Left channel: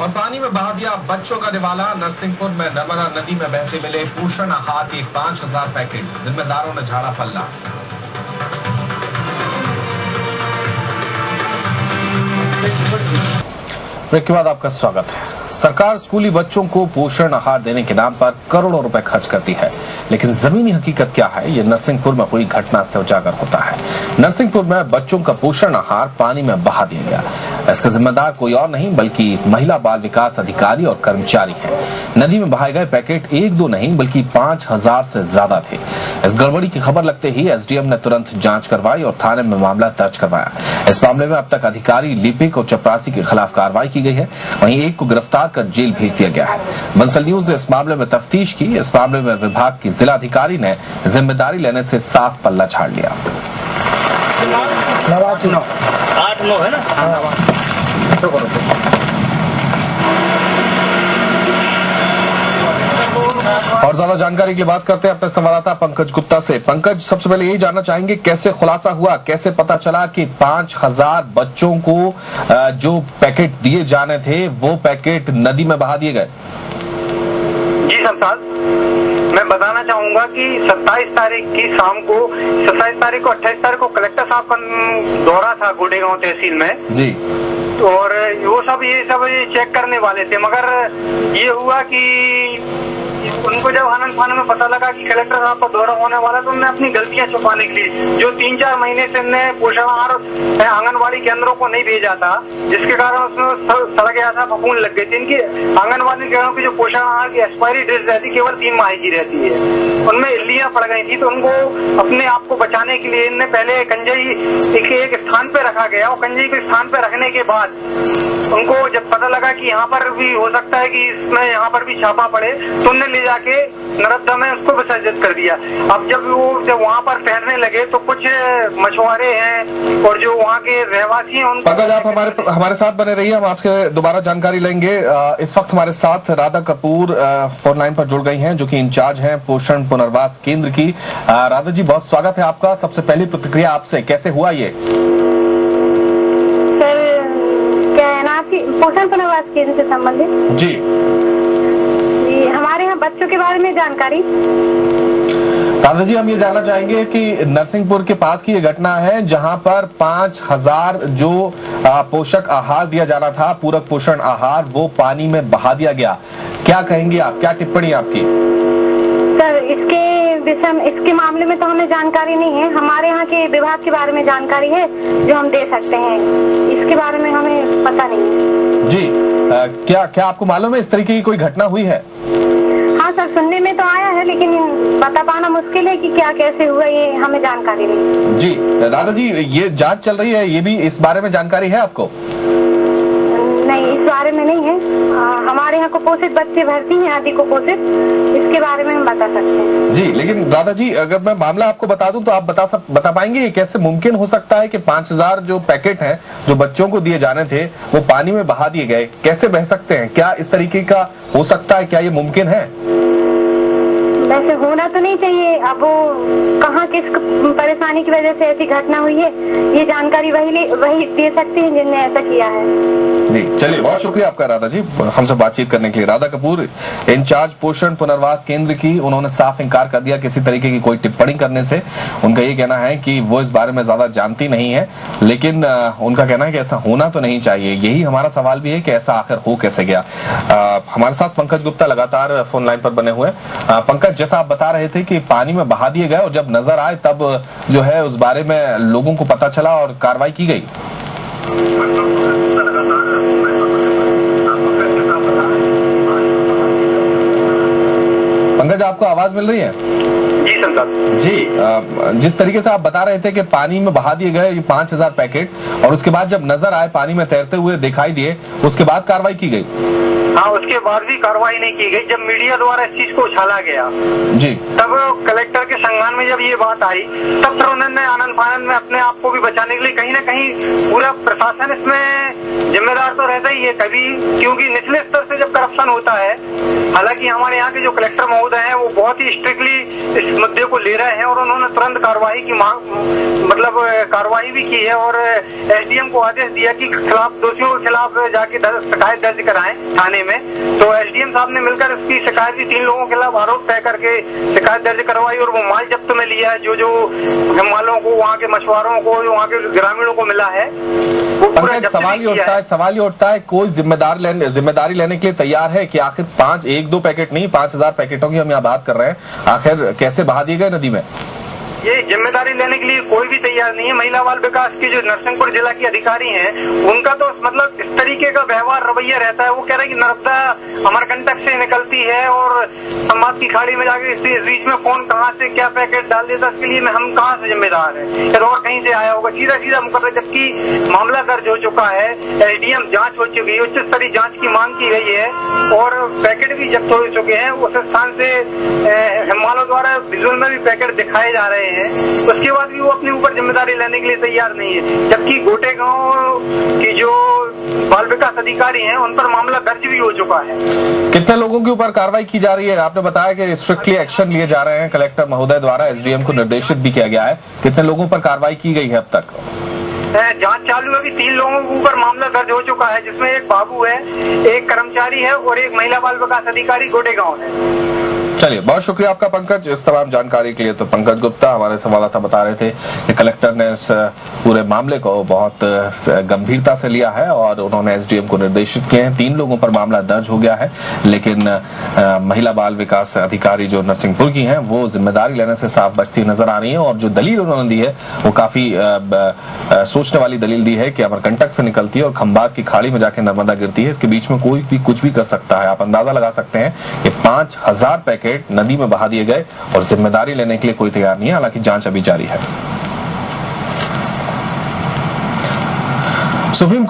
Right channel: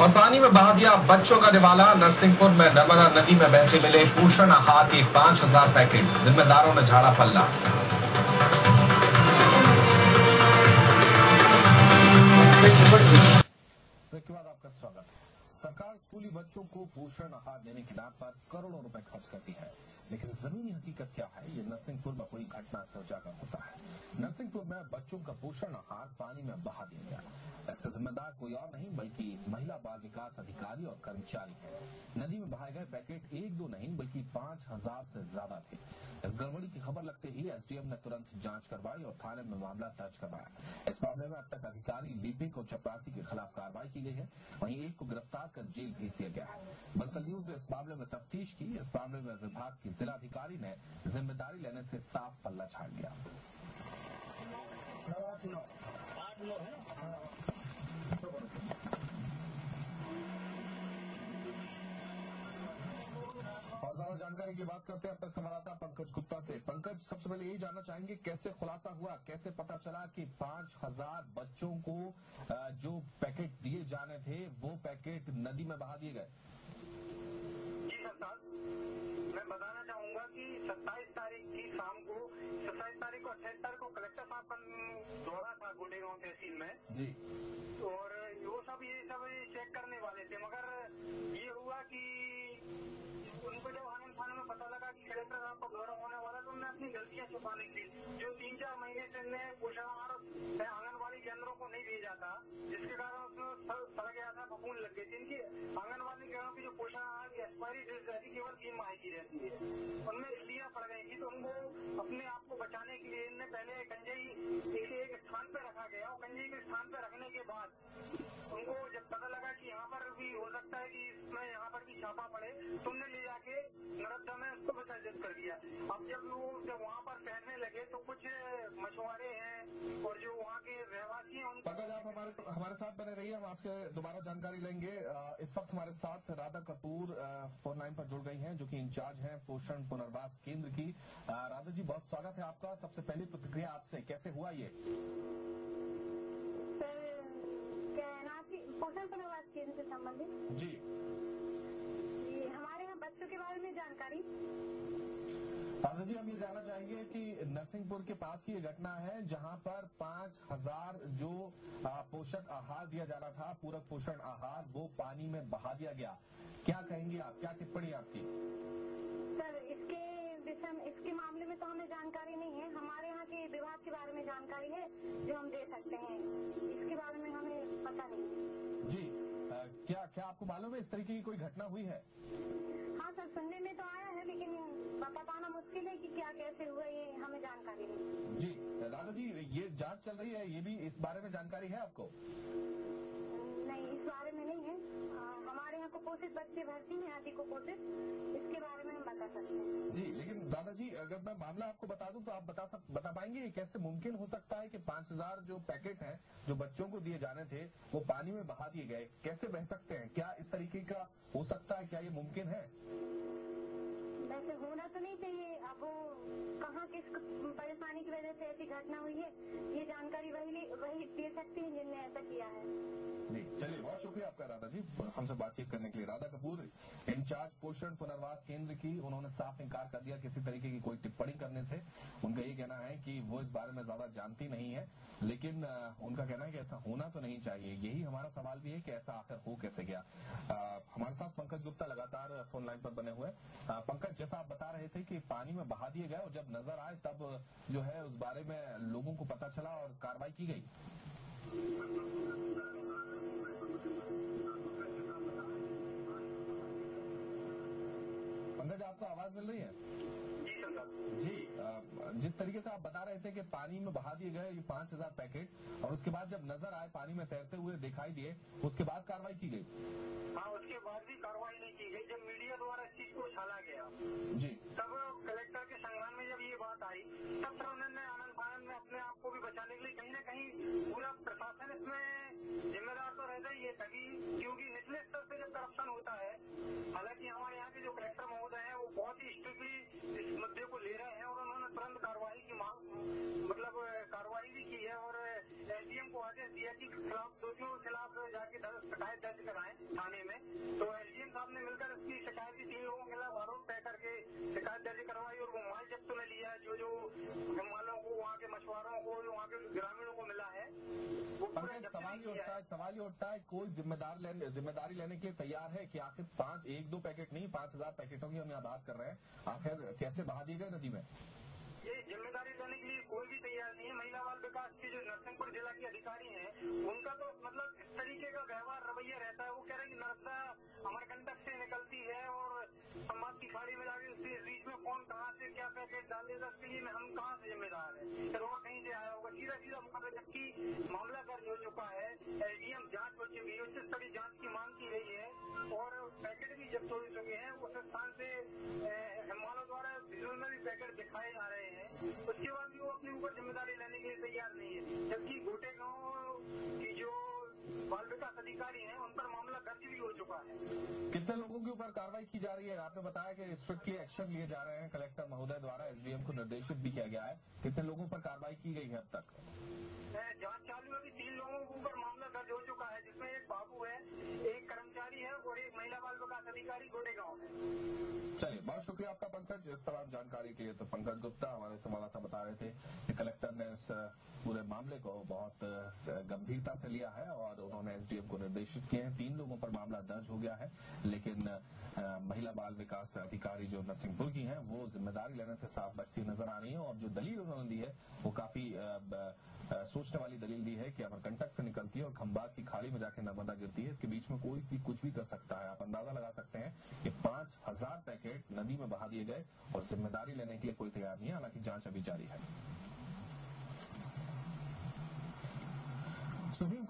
और पानी में बहा दिया बच्चों का निवाला। नरसिंहपुर में नर्मदा नदी में बहते मिले पोषण आहार के 5000 पैकेट, जिम्मेदारों ने झाड़ा पल्ला। ब्रेक के बाद आपका स्वागत है। सरकार स्कूली बच्चों को पोषण आहार देने के नाम पर करोड़ों रुपए खर्च करती है, लेकिन जमीनी हकीकत क्या है, ये नरसिंहपुर में हुई घटना से उजागर होता है। नरसिंहपुर में बच्चों का पोषण आहार पानी में बहा दिया गया। इसका जिम्मेदार कोई और नहीं बल्कि महिला बाल विकास अधिकारी और कर्मचारी हैं। नदी में बहाए गए पैकेट एक दो नहीं बल्कि 5000 से ज्यादा थे। इस गड़बड़ी की खबर लगते ही एसडीएम ने तुरंत जांच करवाई और थाने में मामला दर्ज करवाया। इस मामले में अब तक अधिकारी, लिपिक और चपरासी के खिलाफ कार्रवाई की गई है। वहीं एक को गिरफ्तार कर जेल भेज दिया गया है। बंसल न्यूज ने इस मामले में तफ्तीश की। इस मामले में विभाग की जिला अधिकारी ने जिम्मेदारी लेने से साफ पल्ला झाड़ लिया। 8-9 है ना। और ज्यादा जानकारी की बात करते हैं अपने संवाददाता पंकज गुप्ता से। पंकज, सबसे पहले यही जानना चाहेंगे कैसे खुलासा हुआ, कैसे पता चला कि 5000 बच्चों को जो पैकेट दिए जाने थे वो पैकेट नदी में बहा दिए गए? जी सरसाद, मैं बताना चाहूंगा कि 27 तारीख की शाम को 27 तारीख को 28 तारीख को कलेक्टर साहब का दौरा था गोडेगांव तहसील में जी, और वो सब ये चेक करने वाले थे, मगर ये हुआ कि उनको जब आनंद फानन में पता लगा कि कलेक्टर साहब का दौरा होने वाला तो उन्होंने अपनी गलतियां छुपाने के लिए जो 3-4 महीने से उन्होंने पोषण आहार आंगनबाड़ी केंद्रों को नहीं भेजा था, जिसके कारण उसमें सड़ गया था, फफूंद लग गई थी। इनकी आंगनबाड़ी केंद्रों की जो पोषण आहार की एक्सपायरी डेट रहती केवल 3 माह की रहती है, उनमें इल्लियां पड़ गई थी। तो उनको अपने आप को बचाने के लिए इनने पहले कंजई एक स्थान पे रखा गया और कंजई के स्थान पे रखने के बाद उनको जब पता लगा कि यहाँ पर भी हो सकता है कि इसमें यहाँ पर भी छापा पड़े तो उनने ले जाके नर्मदा में उसको विसर्जित कर दिया। अब जब वहाँ पर ठहरने लगे तो कुछ मछुआरे हैं और जो वहाँ के रहवासी हैं उनको। पंकज, आप हमारे साथ बने रहिए, हम आपसे दोबारा जानकारी लेंगे। इस वक्त हमारे साथ राधा कपूर फोन लाइन पर जुड़ गई हैं, जो कि इंचार्ज हैं पोषण पुनर्वास केंद्र की। राधा जी, बहुत स्वागत है आपका। सबसे पहली प्रतिक्रिया आपसे, कैसे हुआ ये? पोषण पुनर्वास केंद्र से संबंधित जी, हमारे यहाँ बच्चों के बारे में जानकारी। राधा जी, हम ये जानना चाहेंगे कि नरसिंहपुर के पास की ये घटना है जहां पर 5000 जो पोषक आहार दिया जाना था, पूरक पोषण आहार, वो पानी में बहा दिया गया। क्या कहेंगे आप, क्या टिप्पणी आपकी? सर, इसके मामले में तो हमें जानकारी नहीं है। हमारे यहाँ के विभाग के बारे में जानकारी है जो हम दे सकते हैं, इसके बारे में हमें पता नहीं है जी। क्या आपको मालूम है इस तरीके की कोई घटना हुई है? हाँ सर, सुनने में तो आया है, लेकिन बता पाना मुश्किल है कि क्या कैसे हुआ, ये हमें जानकारी नहीं जी। राधा जी, ये जांच चल रही है, ये भी इस बारे में जानकारी है आपको? नहीं, इस बारे में नहीं है। हमारे यहाँ कुपोषित बच्चे भर्ती हैं, आदि कुपोषित, इसके बारे में हम बता सकते हैं जी। लेकिन राधा जी, अगर मैं मामला आपको बता दूं तो आप बता पाएंगे ये कैसे मुमकिन हो सकता है कि 5000 जो पैकेट हैं जो बच्चों को दिए जाने थे वो पानी में बहा दिए गए? कैसे बह सकते हैं? क्या इस तरीके का हो सकता है? क्या ये मुमकिन है? वैसे होना तो नहीं चाहिए। अब वो कहाँ किस परेशानी की वजह से ऐसी घटना हुई है, ये जानकारी वही दे सकते हैं जिनने ऐसा किया है जी। चलिए, बहुत शुक्रिया आपका राधा जी, हमसे बातचीत करने के लिए। राधा कपूर, इंचार्ज पोषण पुनर्वास केंद्र की, उन्होंने साफ इनकार कर दिया किसी तरीके की कोई टिप्पणी करने से। उनका ये कहना है कि वो इस बारे में ज्यादा जानती नहीं है, लेकिन उनका कहना है कि ऐसा होना तो नहीं चाहिए। यही हमारा सवाल भी है कि ऐसा आखिर हो कैसे गया। हमारे साथ पंकज गुप्ता लगातार फोन लाइन पर बने हुए। पंकज, जैसा आप बता रहे थे कि पानी में बहा दिए गए और जब नजर आए तब जो है उस बारे में लोगों को पता चला और कार्रवाई की गई। पंकज, आपको आवाज मिल रही है? जी संसार जी। जिस तरीके से आप बता रहे थे कि पानी में बहा दिए गए ये 5000 पैकेट और उसके बाद जब नजर आए, पानी में तैरते हुए दिखाई दिए, उसके बाद कार्रवाई की गई? हाँ, उसके बाद भी कार्रवाई नहीं की गई। जब मीडिया द्वारा इस चीज को उछाला गया जी, तब कलेक्टर के संज्ञान में जब ये बात आई तब फिर उन्होंने आनंद फानन में अपने आप को भी बचाने के लिए कहीं ना कहीं पूरा प्रशासन इसमें जिम्मेदार तो रहता ही है कभी, क्योंकि निचले स्तर से जब करप्शन होता है, हालांकि हमारे यहाँ के जो कलेक्टर महोदय हैं वो बहुत ही स्ट्रिक्टली इस मुद्दे को ले रहे हैं और उन्होंने तुरंत कार्रवाई की मतलब कार्रवाई भी की है और एसडीएम को आदेश दिया कि खिलाफ दोषियों के खिलाफ जाके शिकायत दर्ज कराएं थाने में। तो एसडीएम साहब ने मिलकर उसकी शिकायत की, 3 लोगों के खिलाफ आरोप तय करके शिकायत दर्ज करवाई और वो माल जब्त में लिया है जो मालों को, वहाँ के मछुआरों को, जो वहाँ के ग्रामीणों को मिला है। सवाल ये उठता है कोई जिम्मेदारी लेने के लिए तैयार है कि आखिर 1-2 पैकेट नहीं 5000 पैकेटों की हम यहाँ बात कर रहे हैं, आखिर कैसे बहा दिए गए नदी में? ये जिम्मेदारी लेने के लिए कोई भी तैयार नहीं है। महिला बाल विकास के जो नरसिंहपुर जिला के अधिकारी हैं, उनका तो मतलब इस तरीके का व्यवहार रवैया रहता है। वो कह रहे हैं कि नर्मदा अमरकंटक से निकलती है और समाज की खाड़ी में जाके इस बीच में कौन कहाँ से क्या पैकेट डाल देता, इसके लिए हम कहाँ से जिम्मेदार है, या और कहीं से आया होगा। सीधा मुकदमा, जबकि मामला दर्ज हो चुका है, एसडीएम जाँच हो चुकी है, उच्च स्तरीय जाँच की मांग की गई है और पैकेट भी जब्त हो चुके हैं। उस स्थान से हिमालय द्वारा विजुअल में भी पैकेट दिखाए जा रहे हैं। उसके बाद भी वो अपने ऊपर जिम्मेदारी लेने के लिए तैयार नहीं है, जबकि गोटे गांव की जो बाल विकास अधिकारी हैं उन पर मामला दर्ज भी हो चुका है। कितने लोगों के ऊपर कार्रवाई की जा रही है? आपने बताया कि स्ट्रिक्टली एक्शन लिए जा रहे हैं, कलेक्टर महोदय द्वारा एसडीएम को निर्देशित भी किया गया है। कितने लोगों पर कार्रवाई की गई है अब तक? जांच चालू है। अभी 3 लोगों के ऊपर मामला दर्ज हो चुका है, जिसमें एक बाबू है, एक कर्मचारी है और एक महिला बाल विकास अधिकारी गोटे गाँव है। चलिए, बहुत शुक्रिया आपका पंकज इस तमाम जानकारी के लिए। तो पंकज गुप्ता हमारे संवाददाता बता रहे थे कि कलेक्टर ने इस पूरे मामले को बहुत गंभीरता से लिया है और उन्होंने एसडीएम को निर्देशित किए हैं। 3 लोगों पर मामला दर्ज हो गया है, लेकिन महिला बाल विकास अधिकारी जो नरसिंहपुर की हैं वो जिम्मेदारी लेने से साफ बचती नजर आ रही है। और जो दलील उन्होंने दी है वो काफी सोचने वाली दलील दी है कि अमरकंटक से निकलती है और खंबात की खाड़ी में जाके नर्मदा गिरती है। इसके बीच में कोई भी कुछ भी कर सकता है। आप अंदाजा लगा सकते हैं कि 5000 पैकेट नदी में बहा दिए गए और जिम्मेदारी लेने के लिए कोई तैयार नहीं है। हालांकि जांच अभी जारी है। Supreme court